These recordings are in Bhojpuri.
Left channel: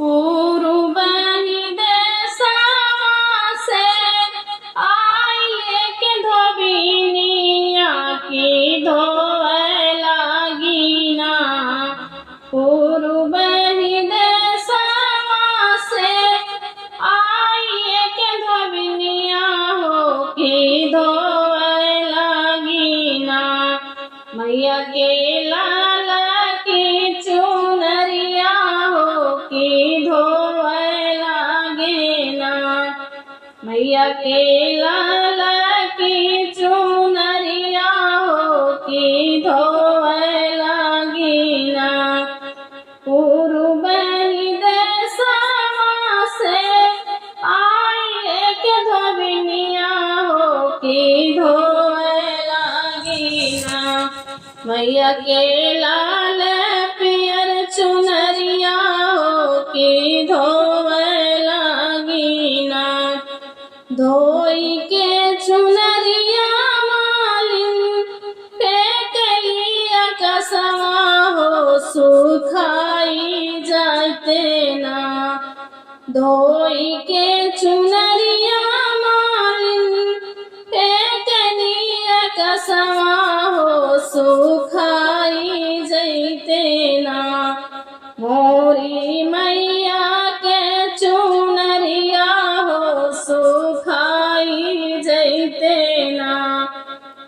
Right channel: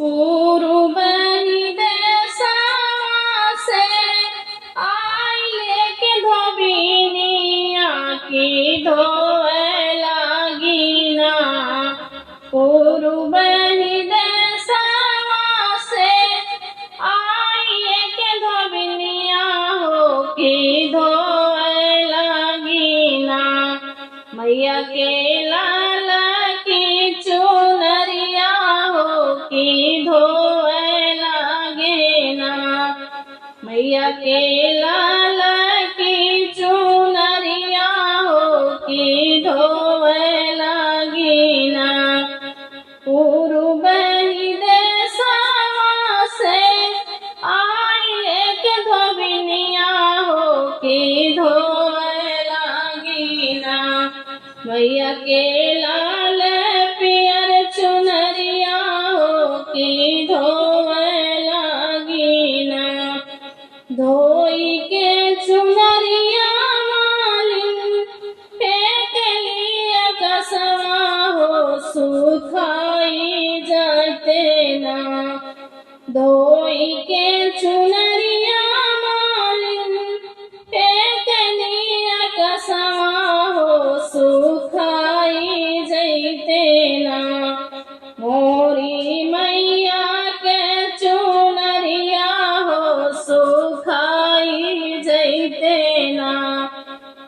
पूर्व ही देशवा से आइए के धोबिनिया की धोए लागिना। पूर्व ही देशवा से आइए के धोबिनिया हो की धोए लागिना। मैया के लाल की चुनरिया हो की धोए लागेना। मैया के लाल की चुनरिया हो की धोए लागेना। पूर्व ही देशवा से आइए के धोबिनिया हो की धोए लागेना। मैया के लाल पियर चुनरिया हो की धोए लागीना। धोई के चुनरिया मालिन फेंक लिया कसवा हो सुखाई जाते ना। धोई के चुनरिया मालिन फेंक लिया कसवा हो सुखाई जैते ना। मोरी मैया के चुनरिया हो सुखाई जैते ना।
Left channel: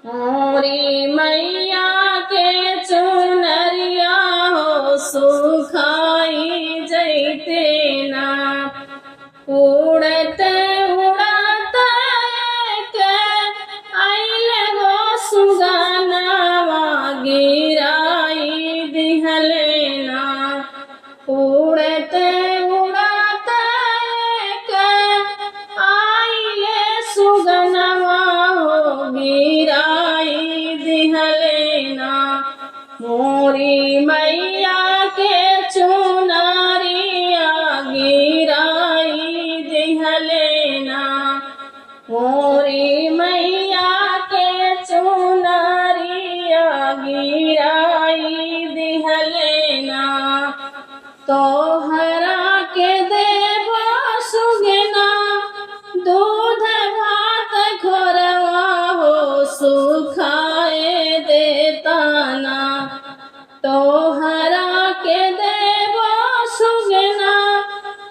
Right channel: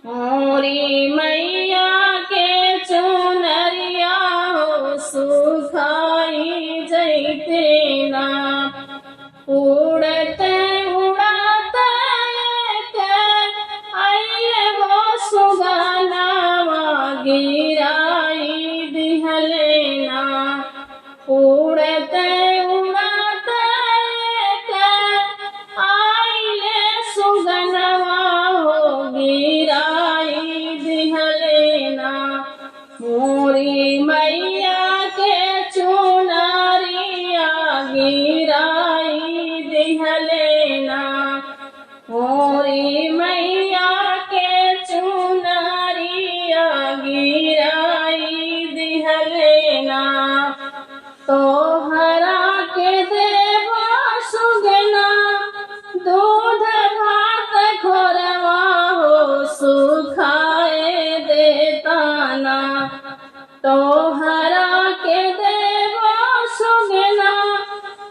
मोरी मैया के चुनरिया हो सुखाई जैते ना। उड़ते उड़ते के आइले हो सुगनावा गिराई दिहलेना। उड़ते उड़ते के आइले सुगनावा हो गिराई दिहलेना। मोरी मैया के चुनरिया गिराई दिहलेना। मोरी मैया के चुनरिया गिराई दिहलेना। तोहरा के देवा सुगना दूध भात खोरवा हो सुखाए देताना। तोहरा के देवा सुगना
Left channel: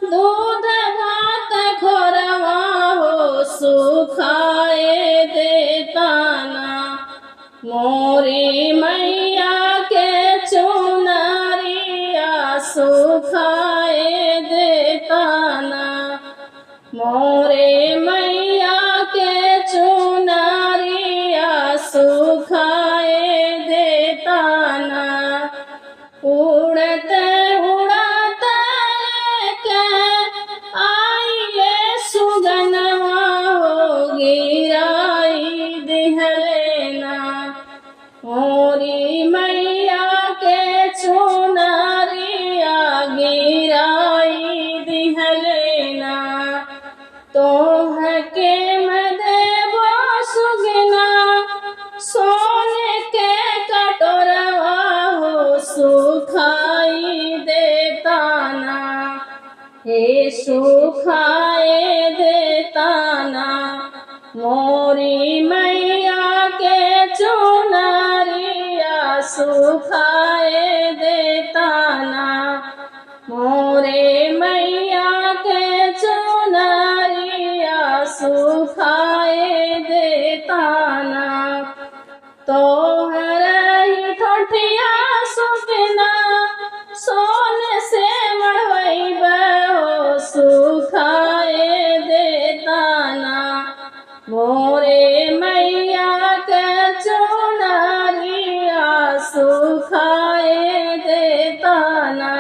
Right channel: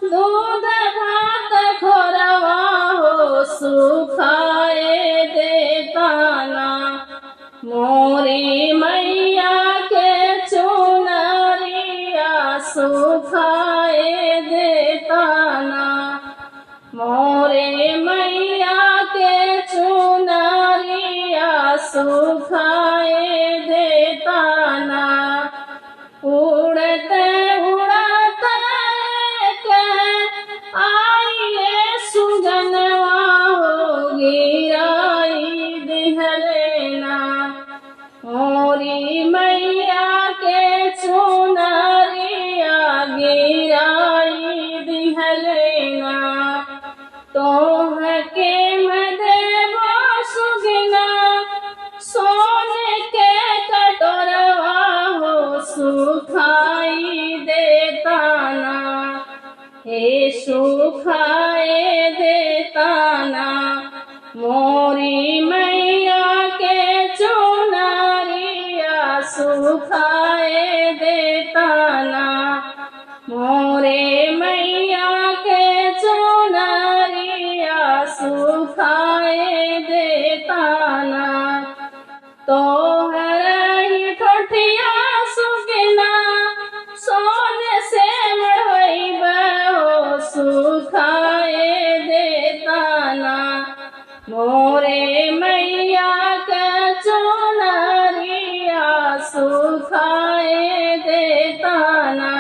दूध भात खोरवा हो सुखाए देताना। मोरी मैया के चुनरिया सुखाए देताना। मोरे मैया के चुनरिया सुखाए देताना। उड़ते उड़ते के आइले सुगनवा हो गिराई दिहलेना। मोरी मैया के चुनरिया गिराई दिहलेना। तोह के मदेवा सुगना सोने के कटोरवा हो सुखाई देताना। हे सुखाए देताना। मोरी मैया के चुनरिया सुखाए देताना। मोरे मैया के चुनरिया सुखाए देताना। तोहरा ही ठठिया सुगना सोने से मढ़वैबा हो सुखाए देताना। मोरे मैया के चुनरिया सुखाए देताना।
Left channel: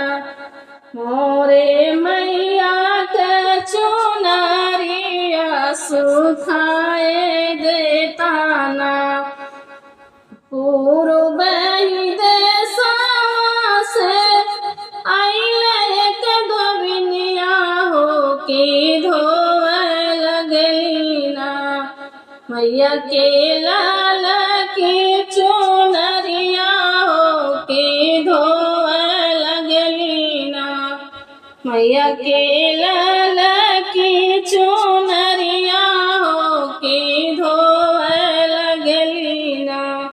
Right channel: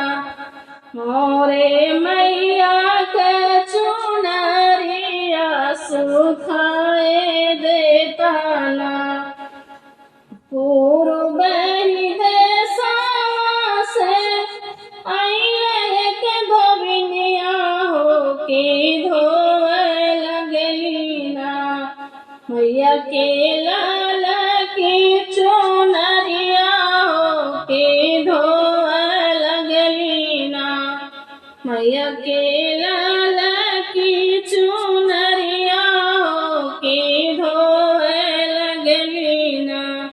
मोरे मैया के चुनरिया सुखाए देताना। पूर्व ही देशवा से आइले के धोबिनिया हो की धोए लगलीना। मैया के लाल की चुनरिया हो की धोए लगलीना। मैया के लाल की चूनरिया